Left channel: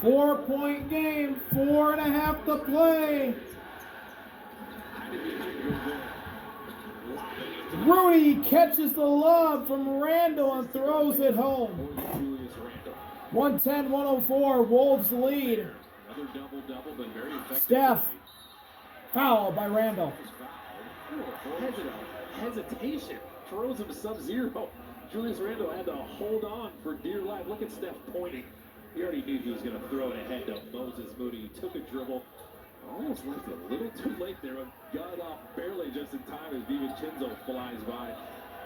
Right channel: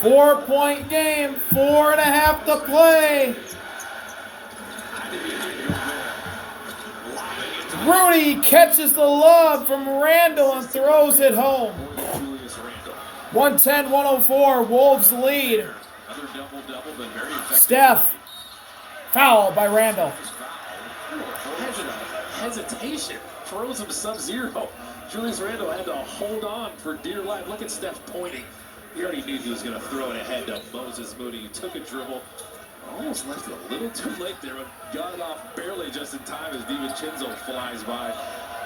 4-point game, 4.5 to play. Rudy catches the lob from Randall and throws it home. 110-104, Wolves lead. Steph, foul by Randall. Hesitation, throws him sub-zero. Julius Randle had to hold on for dear life. Look at Steph pointing. He already knew he was going to throw it ahead to Moses Moody. He took a dribble. Almost left it a little too late there, but got it off barely just in time as DiVincenzo flies by.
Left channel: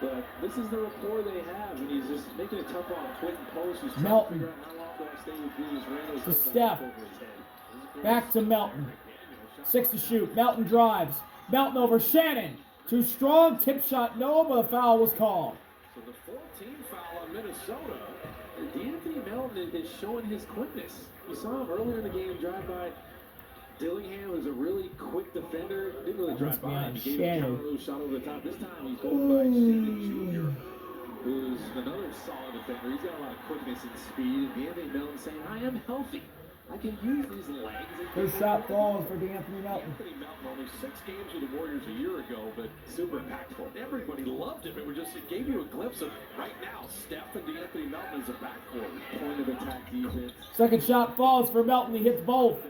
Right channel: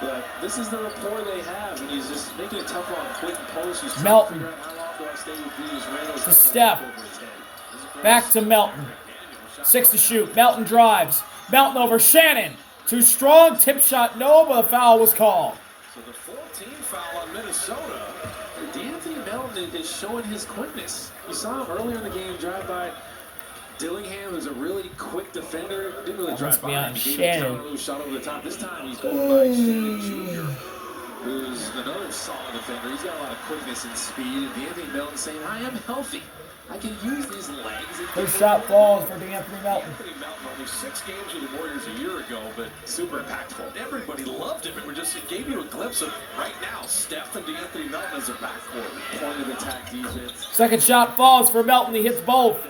But this is the rapport they have, and he's just making it tough on quick and post. He's Melton trying to figure out how long do I stay with Julius Randle. to Steph. Back to Melton. 6 to shoot. Melton drives. Melton over Shannon. Too strong. Tip shot, no, but a foul was called. So the 14 foul on Minnesota. D'Anthony Melton is showing his quickness. You saw him earlier in the game drive by Dillingham, who's a really quick defender. Didn't really drive by him. He gave him a shot over the top. This time he's going by Shannon Jr., who's another solid defender. He's got a lot of quickness and speed. And D'Anthony Melton saying, I am healthy. I can use these legs. Good shot falls for D'Anthony Melton. D'Anthony Melton only 6 games with the Warriors a year ago, but super impactful. Everybody loved him. It gave you a glimpse of right now, Steph and D'Anthony Melton as a backcourt. Point of attack defense. Second shot falls for Melton. He hits both.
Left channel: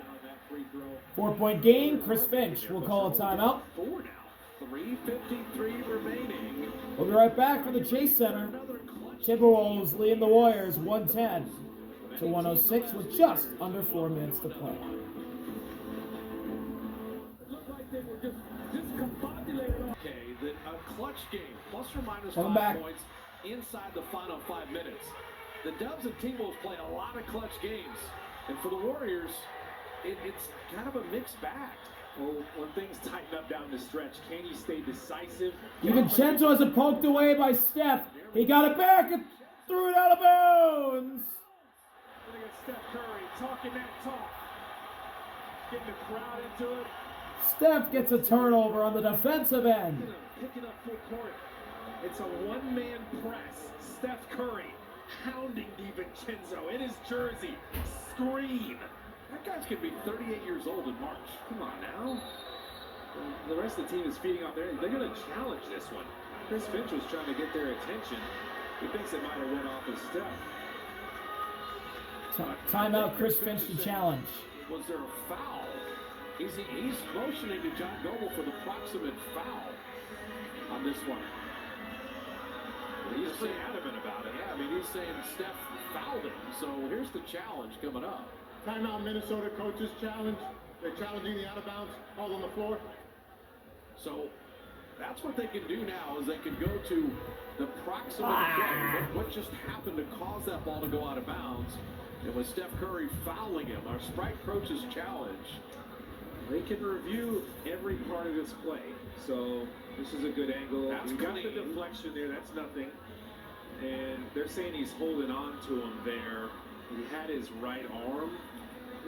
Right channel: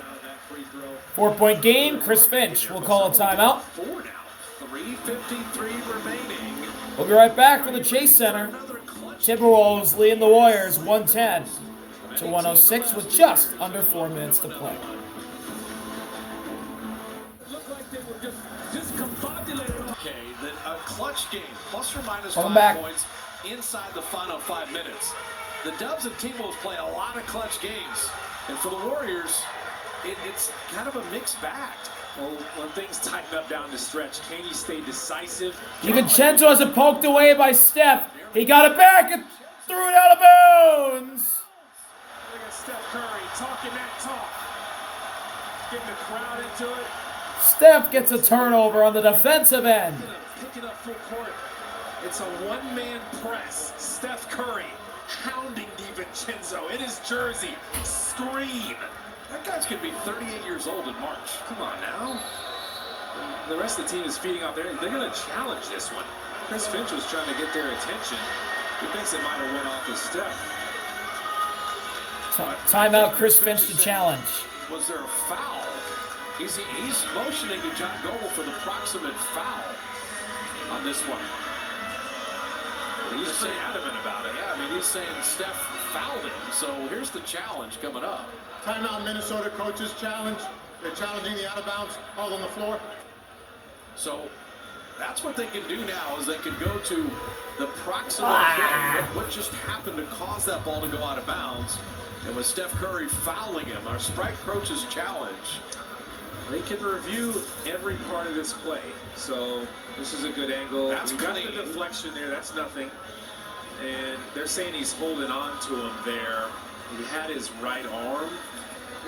4-point game. Chris Finch will call a timeout. 4 now. 3:53 remaining. We'll be right back from the Chase Center. Timberwolves leading the Warriors 110-106 with just under 4 minutes to play. Okay, that a clutch game, plus or minus Welcome 5 back. points inside the final 5 minutes. The Dubs and Timberwolves play a lot of clutch games, and for the Warriors, it's kind of a mixed bag. Well, when things tighten up down the stretch, can he stay decisive? DiVincenzo has it poked away by Steph. He got it back and threw it out of bounds. Look at Steph Curry talking that talk, getting the crowd into it. Steph gets a turnover on the defensive end. Picking up full court. It's a one-man press. Steph Curry hounding DiVincenzo in his jersey. Screen. That guy's going to be 38 years old in March. Come on now. And the rest of the team is feeding off there. They're going to challenge this one. Chris Finch was trying to get their attention. He thinks it might have went off his step. Timeout, Chris Finch to challenge. Was there a foul? He's motioning to John Goble for the proximate foul on this one. He's pretty adamant about it. Yeah, I mean, he's saying Steph fouled him. So here's the challenge coming up. Timeout, Minnesota coaches challenge. They're challenging the out of bounds all on the floor. So that's what they can do now is they can go to the proximate play. What just happened to cause that ball to go out of bounds? And with Steph Curry fouling him, our Sprite coaches challenge. They can review every part of this play. So this is a good angle. That's got the deflection there. That's nothing. And they're saying he's holding on to him there. He had his right arm.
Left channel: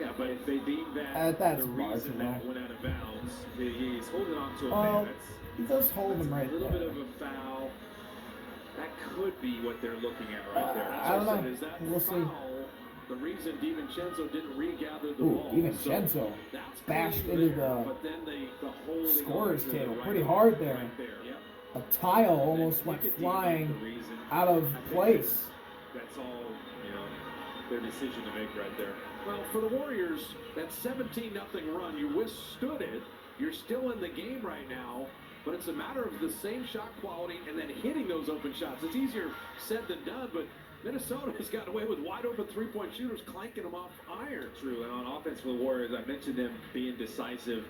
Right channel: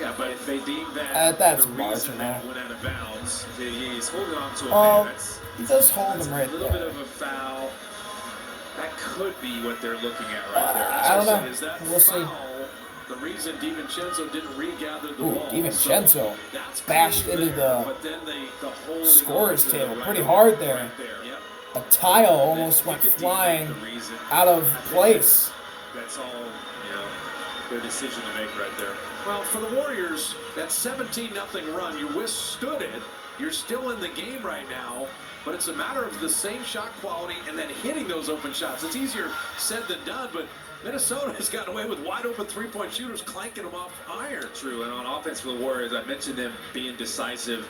Yeah, but if they deem that that's the reason marginal. that went out of bounds, he's holding on to him there. That's, he does hold him right a little there. bit of a foul. That could be what they're looking at right there. I don't know. Is that We'll see. The reason DiVincenzo didn't regather the Ooh, ball. DiVincenzo So bashed into the scorer's table pretty hard there. Yep. A tile almost went flying out of place. That's all, their decision to make right there. Well, for the Warriors, that 17-0 run, you withstood it. You're still in the game right now, but it's a matter of the same shot quality and then hitting those open shots. It's easier said than done, but Minnesota has gotten away with wide-open three-point shooters clanking them off iron. True, and on offense for the Warriors, I mentioned them being decisive.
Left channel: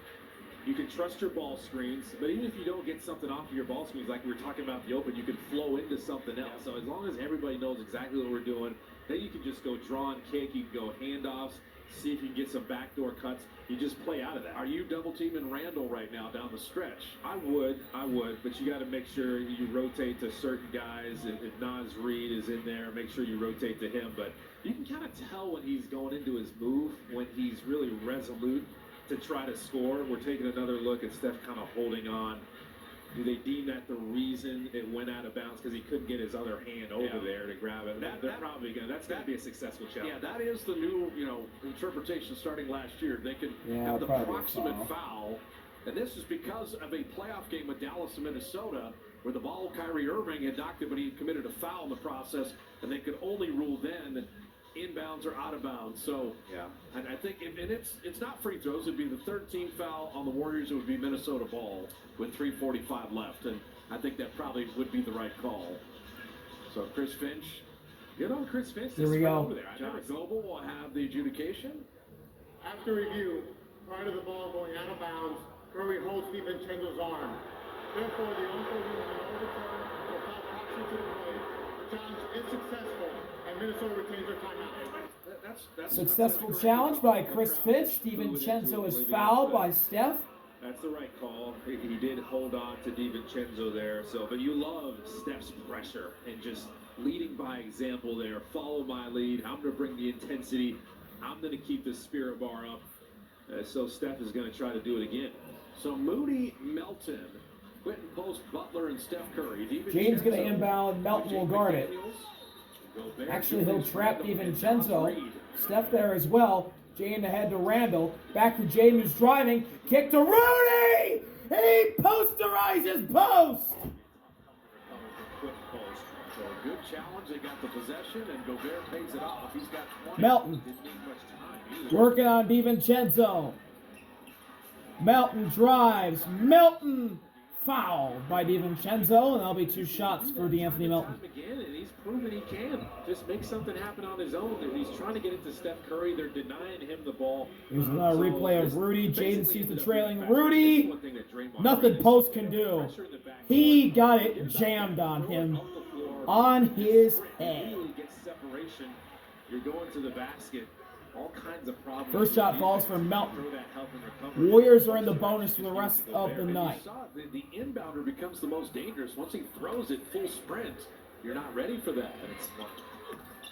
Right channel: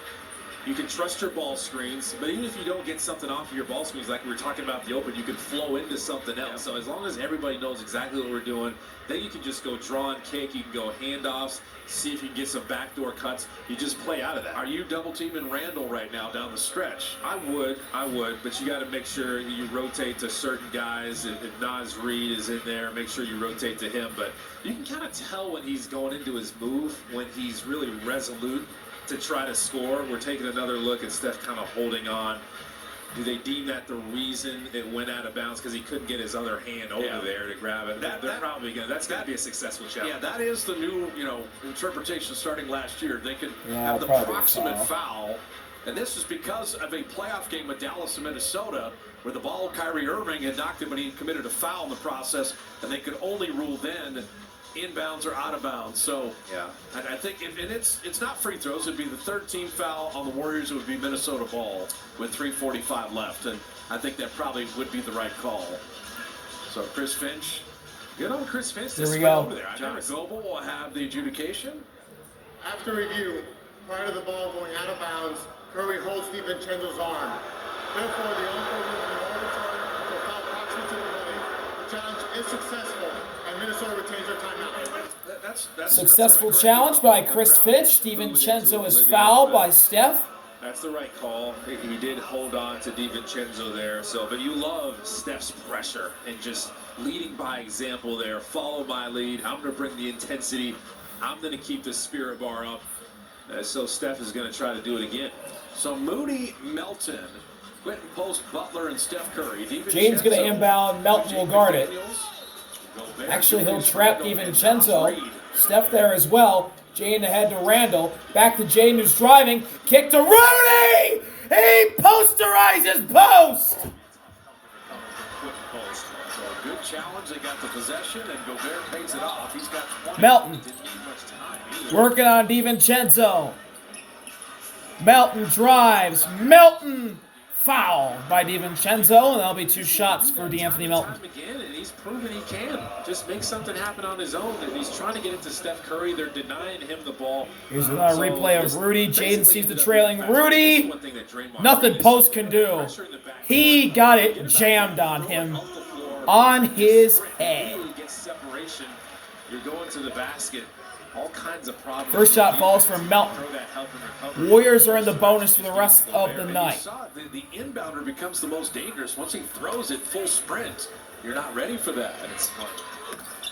You can trust your ball screens, but even if you don't get something off of your ball screens, like we were talking about the open, you can flow into something else. So as long as everybody knows exactly what we're doing, then you can just go draw and kick, you can go handoffs, see if you can get some backdoor cuts. You just play out of that. Are you double-teaming Randall right now down the stretch? I would, but you got to make sure you rotate to certain guys. If Naz Reid is in there, make sure you rotate to him. But you can kind of tell when he's going into his move, when he's really resolute to try to score. We're taking another look at Steph kind of holding on. Do they deem that the reason it went out of bounds because he couldn't get his other hand over there to grab it? That's going to be a successful challenge. Yeah, that is the new, interpretation starting last year. They could Yeah, have the probably proximate foul, and this is because of a playoff game with Dallas and Minnesota, where the ball Kyrie Irving had knocked him, but he committed a foul in the process, and they could only rule then inbounds or out of bounds. So yeah, and I think, and it's not free throws. It'd be the third team foul on the Warriors. It would be Minnesota ball with 3:45 left, and I think that probably would be the right call. So Chris Finch, good on Chris Finch. Here we go. Over there. John Goble will have the adjudication. After review, prior to the ball going out of bounds, Curry holds DiVincenzo's arm. Therefore, the umpire in order to foul proximate to the play. The challenge is successful, and Minnesota retains their timeout. Successful challenge by Chris Finch. DiVincenzo is fouled by Steph. That's the right call. He did hold on to DiVincenzo there. But you love Steph's pressure and just leading by example there. Follow my lead. I'm going to bring the intensity. I'm going to keep the spirit bar up. So Steph is going to try to do it again. So Moody, Melton, Quentin Post, Butler, and Steph Curry. Jaden's going to inbound. Melton will guard it. Actually, he'll trap DiVincenzo. Steph there as well. Jaden ahead to Randall. Back to Jaden, who's driving. Kick to Rudy! He posterizes post! Good challenge. They got the possession, and Gobert pays it off. He's got 20. Melton working on DiVincenzo. Melton drives. Melton fouled by DiVincenzo, and that'll be 2 shots for DeAnthony Melton. Again, and he's proven he can just make something happen on his own. And he's trying to get it to Steph Curry. They're denying him the ball. Here's another replay of Rudy. Jaden sees the trailing Rudy. Nothing Post can do. He got it jammed on him. On his head. You're going to the basket. All kinds of problems. First shot falls for Melton. Warriors are in the bonus for the rest of the night. The inbounder becomes the most dangerous. Once he throws it full sprint, you're not ready for that. It's fun.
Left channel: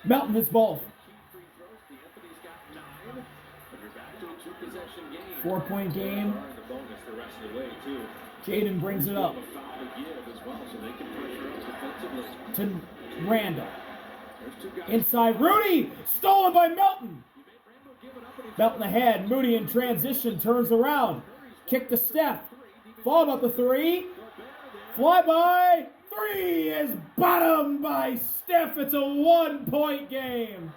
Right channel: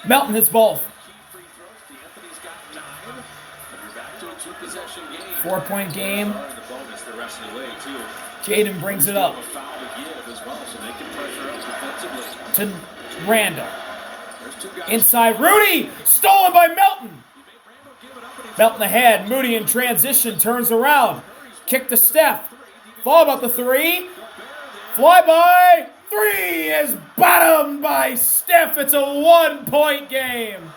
Melton hits both. 4-point game. Jaden brings it up to Randall. Inside Rudy, stolen by Melton. Melton ahead, Moody in transition, turns around. Kick to Steph. Fall about the 3. Fly by 3 is bottomed by Steph. It's a 1-point game.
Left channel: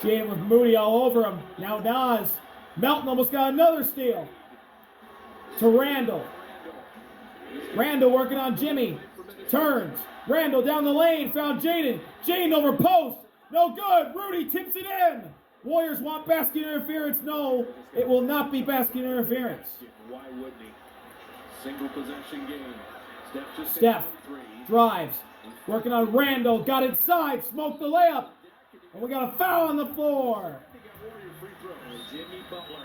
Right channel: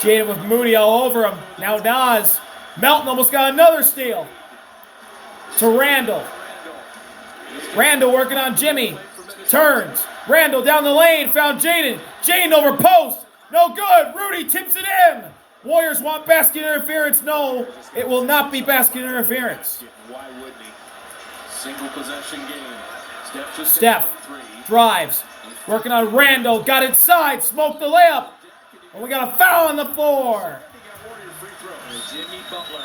Jaden with Moody all over him. Now Nas. Melton almost got another steal. To Randall. Randall working on Jimmy. Turns. Randall down the lane. Found Jaden. Jaden over post. No good. Rudy tips it in. Warriors want basket interference. No, it will not be basket interference. Why wouldn't he? Single possession game. Steph drives. Working on Randall. Got inside. Smoked the layup. And we got a foul on the floor. Jimmy Butler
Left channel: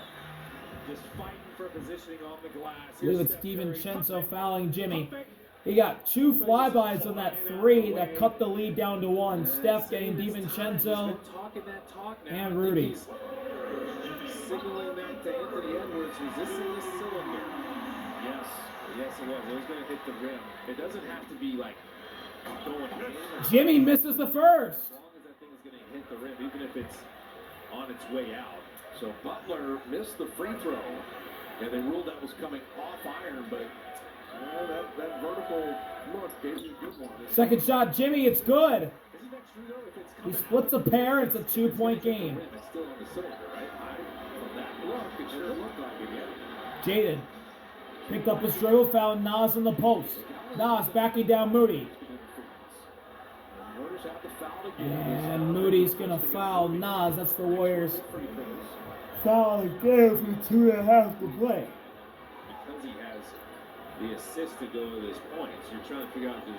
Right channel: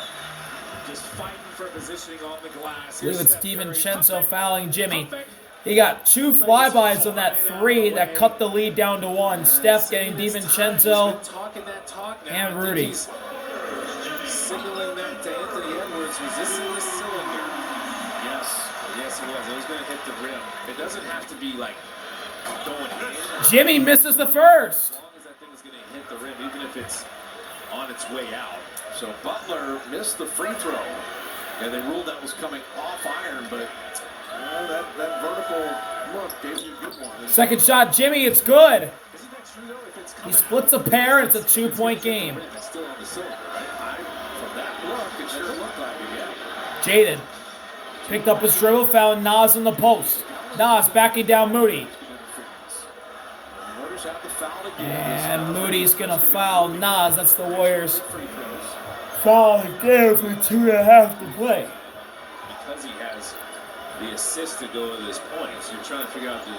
just fighting for positioning on the glass. I believe it's DiVincenzo fouling Jimmy. He got 2 flybys on that 3 that cut the lead down to 1. Steph getting DiVincenzo and Rudy. Signaling that to Anthony Edwards. Was this in the cylinder? Yes, it was. It was going to hit the rim. It doesn't have to be like going in. Jimmy misses the first. As long as that thing is going to hit the rim, even if it's on its way out. So Butler missed the free throw. And they ruled that was coming off iron, but that vertical look gave you a good one. Second shot, Jimmy, it's good. He splits a pair, it's a 2-point game. It's still on the cylinder, right? From that look, it sure looked like it, yeah. Jaden picked up his dribble, found Nas in the post. Nas backing down Moody. And Moody's going to foul Nas. That's the Warriors. Foul again for 2.5 to play. Because he has the assist to go to this point, so you're trying to figure out, do he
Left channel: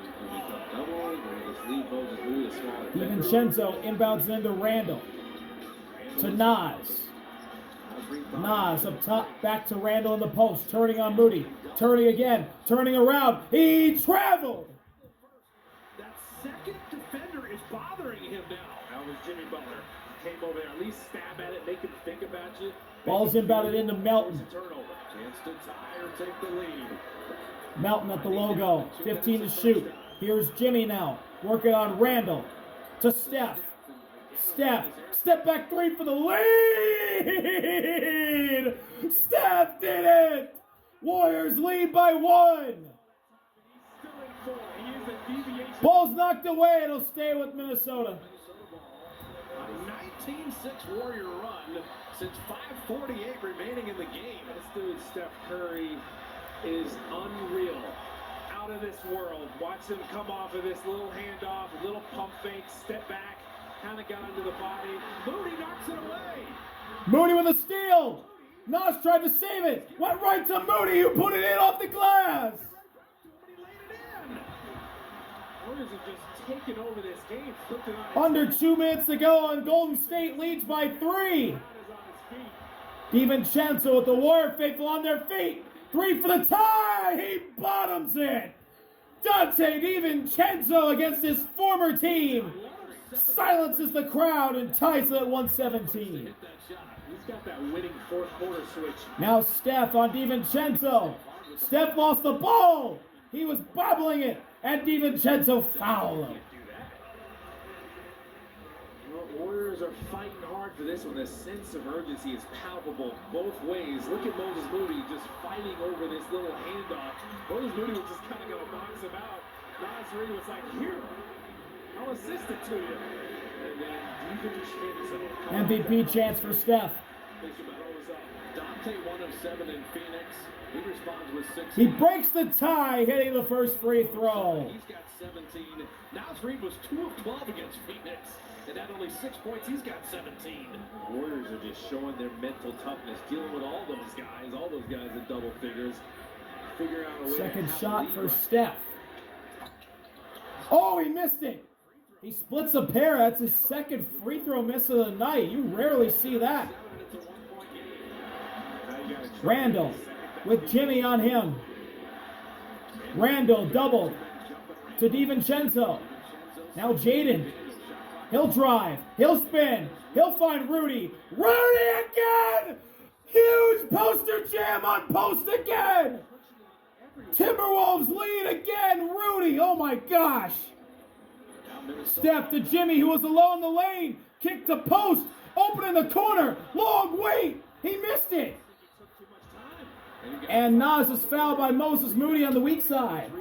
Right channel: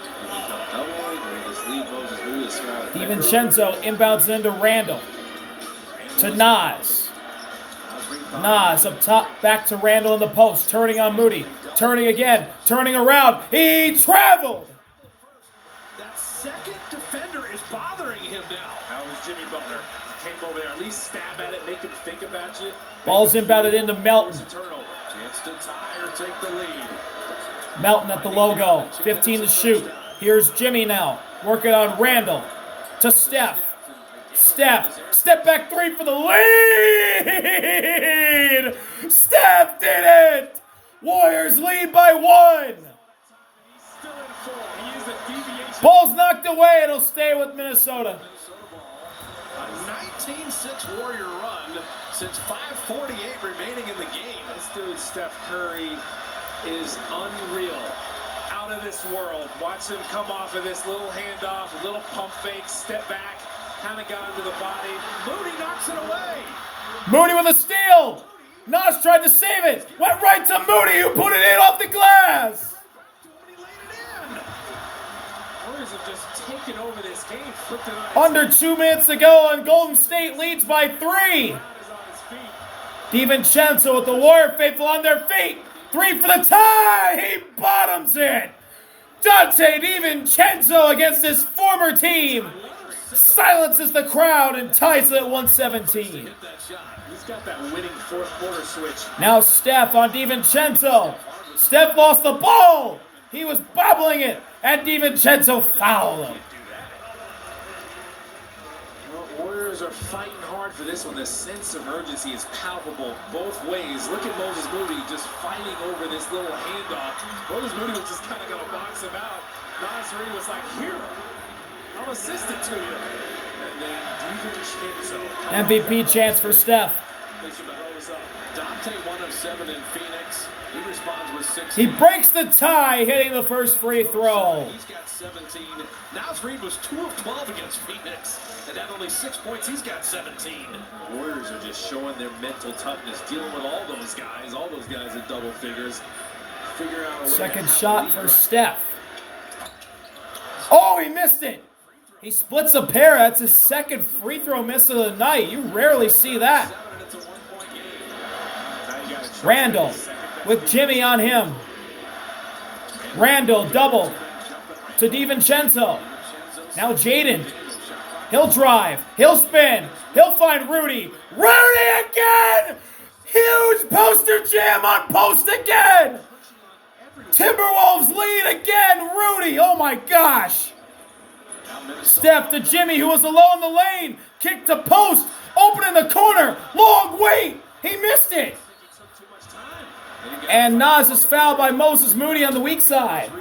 come double, or he just leave Moses Moody to DiVincenzo inbounds into Randall. To Nas. Nas up top, back to Randall in the post, turning on Moody. Turning again, turning around. He traveled. That second defender is bothering him now. How was Jimmy Butler? Came over there, at least stab at it, make him think about you. Ball's inbounded into Melton. Chance to tie or take the lead. Melton at the logo. 15 to shoot. Here's Jimmy now. Working on Randall. To Steph. Step back three for the lead! Steph did it! Warriors lead by 1. Ball's knocked away. It'll stay with Minnesota. A 19-6 Warrior run since 5:48 remaining in the game. This dude, Steph Curry, is unreal. Out of this world. Watch him come off of this little handoff, a little pump fake, step back, kind of got into the body. Moody knocks it away. Moody with a steal. Nas tried to save it. Went right to Moody, who put it in off the glass. Warriors have just taken over this game. Flipped it on Under 2 minutes to go, and Golden State leads by 3. DiVincenzo with the Warrior faithful on their feet. 3 for the tie. He bottoms it. Donte DiVincenzo against his former team silences the crowd and ties it at 117. He's got that winning fourth quarter switch. Now Steph on DiVincenzo. Steph lost the ball. He was bobbling it, and DiVincenzo fouled him. Well, Warriors are fighting hard for this one. The sense of urgency is palpable both ways. Look at Moses Moody just fighting over this little handoff. Moses Moody was just kind of going to box him out. Nas Reed was like, here, I'll assist it to you. And then DiVincenzo. MVP chance for Steph. Donte 1 of 7 in Phoenix. He responds with 6. He breaks the tie, hitting the first free throw. He's got 17. Nas Reed was 2 of 12 against Phoenix. And at only 6 points, he's got 17. Warriors are just showing their mental toughness, dealing with all those guys in double figures. Figure out a way. Second shot for Steph. Oh, he missed it. He splits a pair. That's his second free throw miss of the night. You rarely see that. Randall with Jimmy on him. Randall double to DiVincenzo. Now Jaden. He'll drive. He'll spin. He'll find Rudy. Rudy again! Huge poster jam on post again! Timberwolves lead again. Rudy. Oh my gosh. Steph to Jimmy, who was alone in the lane. Kick to post. Open in the corner. Long wait. He missed it. And Nas is fouled by Moses Moody on the weak side.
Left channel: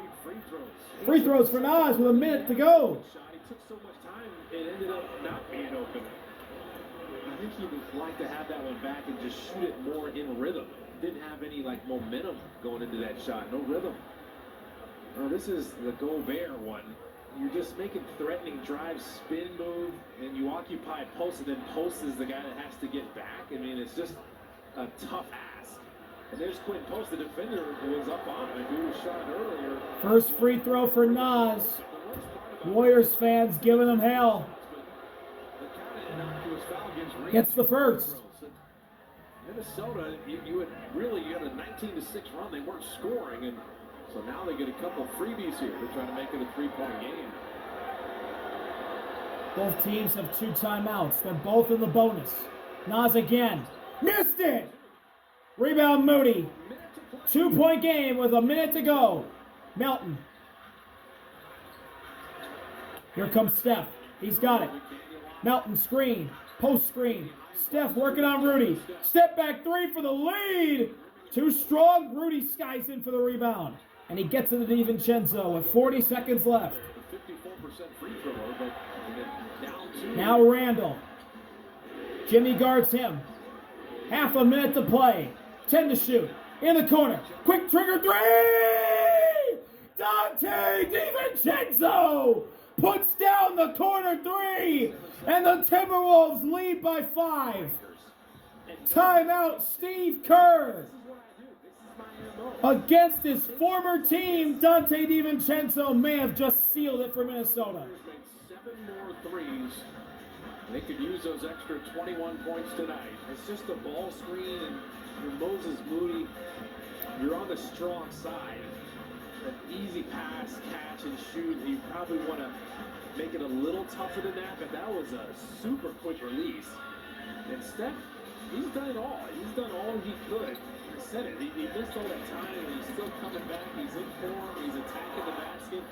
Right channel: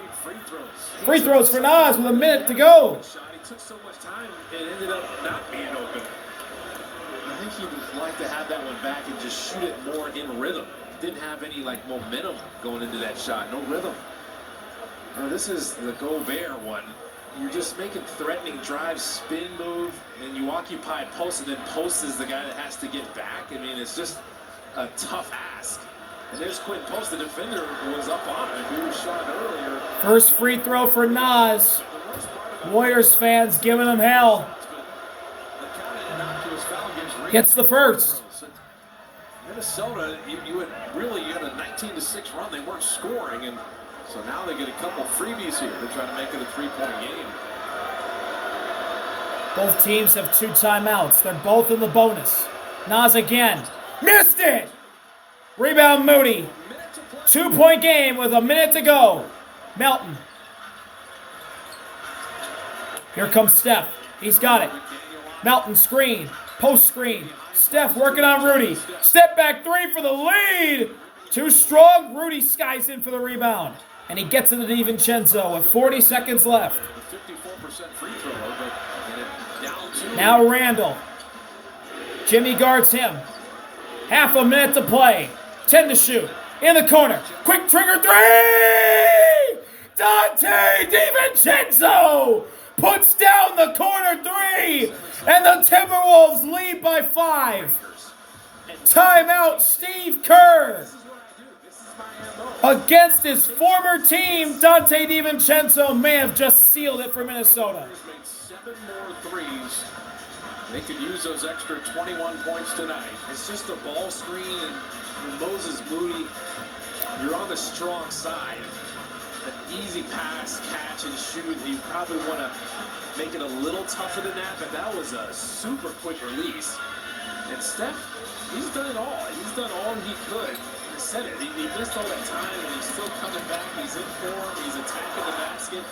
Free throws for Nas with a minute to go. He took so much time, it ended up not being open. I think he would like to have that one back and just shoot it more in rhythm. Didn't have any momentum going into that shot. No rhythm. This is the Gobert one. You're just making threatening drives, spin move, and you occupy post, and then post is the guy that has to get back. I mean, it's just a tough ask. And there's Quinn Post, the defender was up on him. We were shot earlier. First free throw for Nas. Warriors fans giving him hell. Gets the first. Minnesota, you had a 19-6 run. They weren't scoring, and so now they get a couple freebies here. They're trying to make it a 3-point game. Both teams have 2 timeouts. They're both in the bonus. Nas again. Missed it! Rebound Moody. 2-point game with a minute to go. Melton. Here comes Steph. He's got it. Melton screen. Post screen. Steph working on Rudy. Step back 3 for the lead. Too strong. Rudy skies in for the rebound. And he gets it to DiVincenzo with 40 seconds left. 54% free throw, but down 2. Now Randall. Jimmy guards him. Half a minute to play. 10 to shoot. In the corner. Quick trigger 3! Donte DiVincenzo puts down the corner 3. And the Timberwolves lead by 5. Timeout Steve Kerr. Against his former team, Donte DiVincenzo may have just sealed it for Minnesota. Made 7 more threes. They could use those extra 21 points tonight. It's just a ball screen, and Moses Moody, you're on the strong side. An easy pass, catch, and shoot. You probably want to make it a little tougher than that, but that was a super quick release. And Steph, He's done it all. He's done all he could. I said it. He missed all that time, and he's still coming back. He's in form. He's attacking the basket,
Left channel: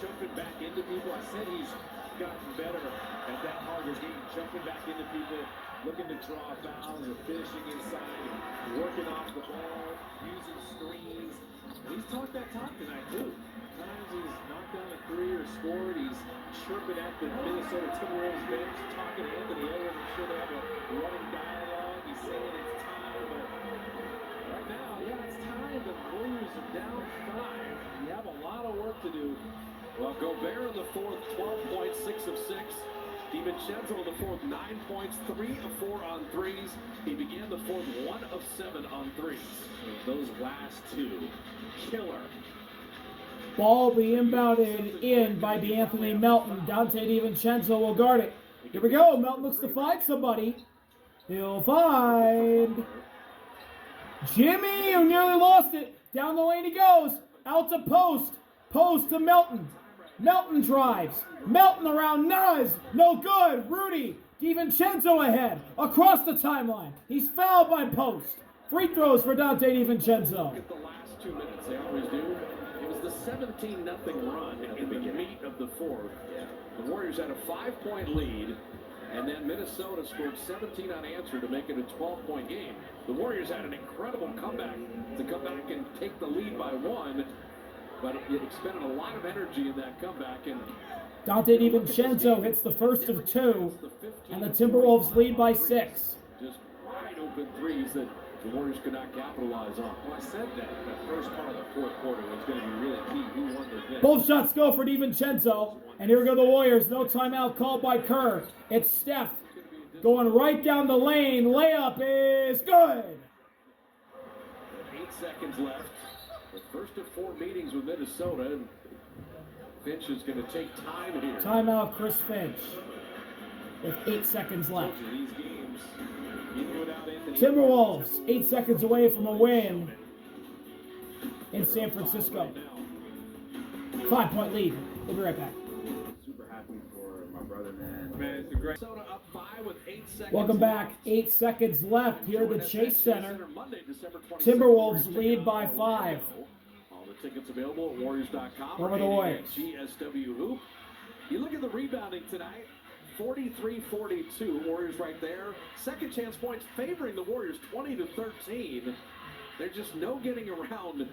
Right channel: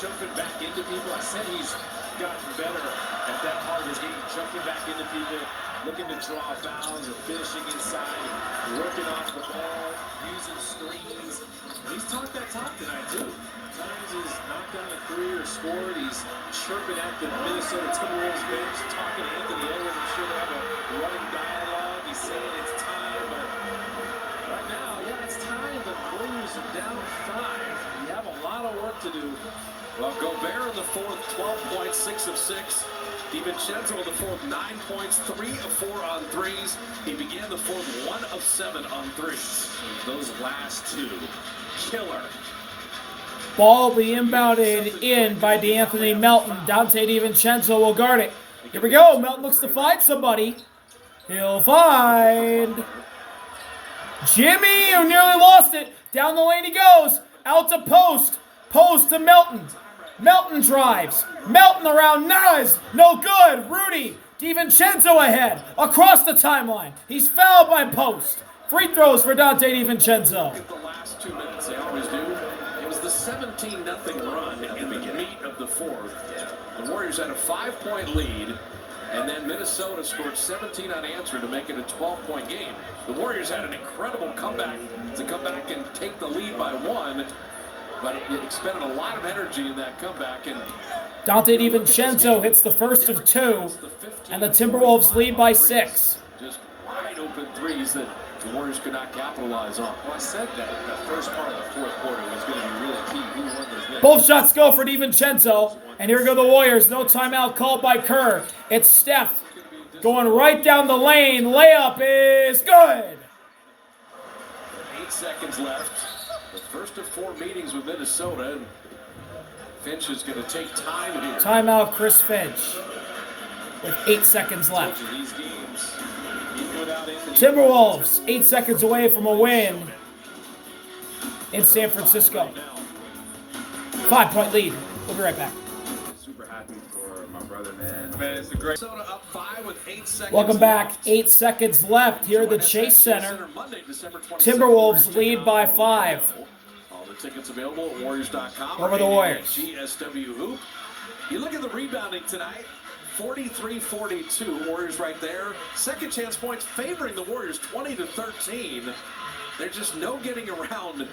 jumping back into people. I said he's gotten better at that part of his game, jumping back into people, looking to draw fouls or finishing inside, working off the ball, using screens. He's talked that talk tonight, too. Times he's knocked down a three or scored. He's chirping at the Minnesota Timberwolves bench, talking to Anthony Edwards. I'm sure they have a running dialogue. He's saying it's time, but right now, yeah, it's time. The Warriors are down 5. You have a lot of work to do. Well, Gobert in the fourth, 12 points, 6 of 6. DiVincenzo in the fourth, 9 points, 3 of 4 on threes. He began the fourth, 1 of 7 on threes. Those last two, killer. Ball will be inbounded in by D'Anthony Melton. Donte DiVincenzo will guard it. Here we go. Melton looks to find somebody. He'll find Jimmy, who nearly lost it. Down the lane he goes. Out to post. Post to Melton. Melton drives. Melton around Nas. No good. Rudy. DiVincenzo ahead. Across the timeline. He's fouled by post. Free throws for Donte DiVincenzo. Look at the last 2 minutes. They always do. It was the 17-0 run in the meat of the fourth. The Warriors had a 5-point lead, and then Minnesota scored 17 unanswered to make it a 12-point game. The Warriors had an incredible comeback to come back and take the lead by 1, but it expended a lot of energy in that comeback. And Donte DiVincenzo hits the first of 2, and the Timberwolves lead by 6. Just wide open threes that the Warriors could not capitalize on. Well, I said that the first part of the fourth quarter was going to be really key. Who won those minutes? Both shots go for DiVincenzo, and here go the Warriors. No timeout called by Kerr. It's Steph going right down the lane. Layup is good. 8 seconds left. The first of 4 meetings with Minnesota. And Finch is going to take time here. Timeout Chris Finch with 8 seconds left. These games, even without Anthony, Timberwolves 8 seconds away from a win in San Francisco. 5-point lead. We'll be right back. Super happy for my brother, man. Man, it's a great. Minnesota up 5 with 8 seconds. Welcome back. 8 seconds left here at the Chase Center. Timberwolves lead by 5. All the tickets available at Warriors.com. Over the Warriors. GSW Hoop. You look at the rebounding tonight. 43-42. Warriors right there. Second chance points favoring the Warriors 20-13. There's just no getting around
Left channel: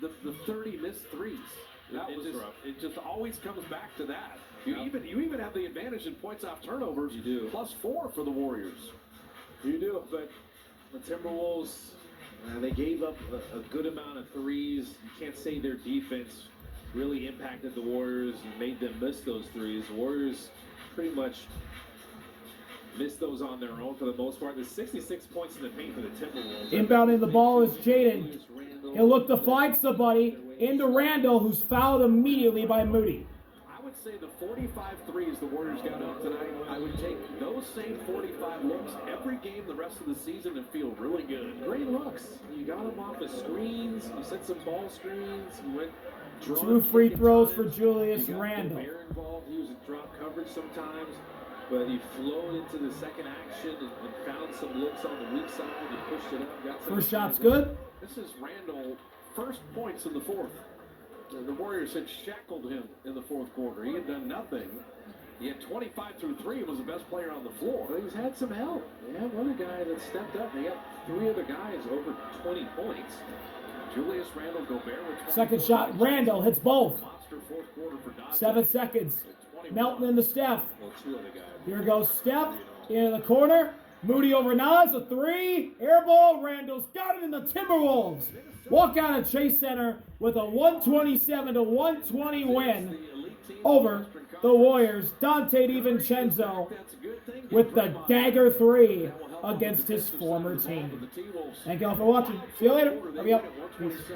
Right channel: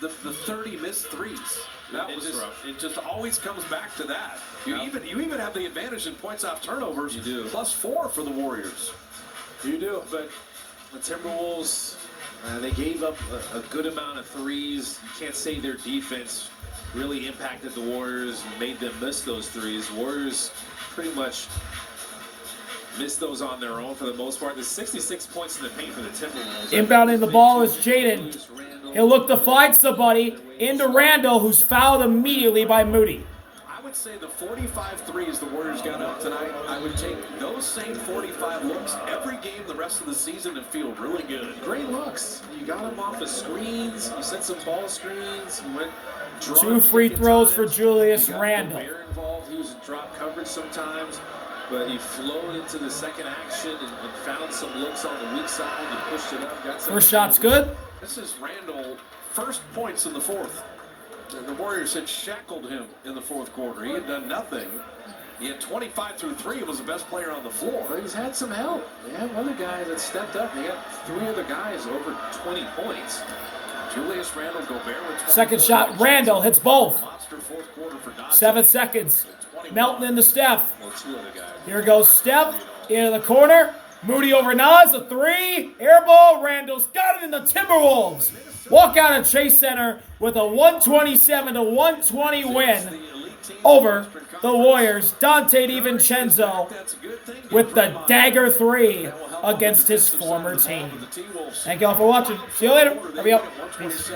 the 30 missed threes. That was just rough. It just always comes back to that. You even have the advantage in points off turnovers. You do. +4 for the Warriors. You do, but the Timberwolves, they gave up a good amount of threes. You can't say their defense really impacted the Warriors and made them miss those threes. Warriors pretty much missed those on their own for the most part. There's 66 points in the paint for the Timberwolves. Inbounding the ball is Jaden. He'll look to find somebody into Randall, who's fouled immediately by Moody. I would say the 45 threes the Warriors got up tonight, I would take those same 45 looks every game the rest of the season and feel really good. Great looks. You got them off of screens. You set some ball screens. You went 2 free throws for Julius Randle. Involved. He was in drop coverage sometimes, but he flowed into the second action and found some looks on the weak side. He pushed it up. Got some First shot's good. This is Randle, first points in the fourth. The Warriors had shackled him in the fourth quarter. He had done nothing. He had 25 through 3 and was the best player on the floor. But he's had some help. They have other guys that stepped up. They got 3 other guys over 20 points. Julius Randle, Gobert with Second shot, Randall hits both. Monster fourth quarter for Donte. 7 seconds. Melton into Steph. Well, 2 other guys. Here goes Steph into the corner. Moody over Nas, a 3. Air ball. Randall's got it in the Timberwolves. Walk out of Chase Center with a 127-120 win over the Warriors. Donte DiVincenzo with the dagger 3 against his former team. Thank you all for watching. See you later. Hurry up. Peace.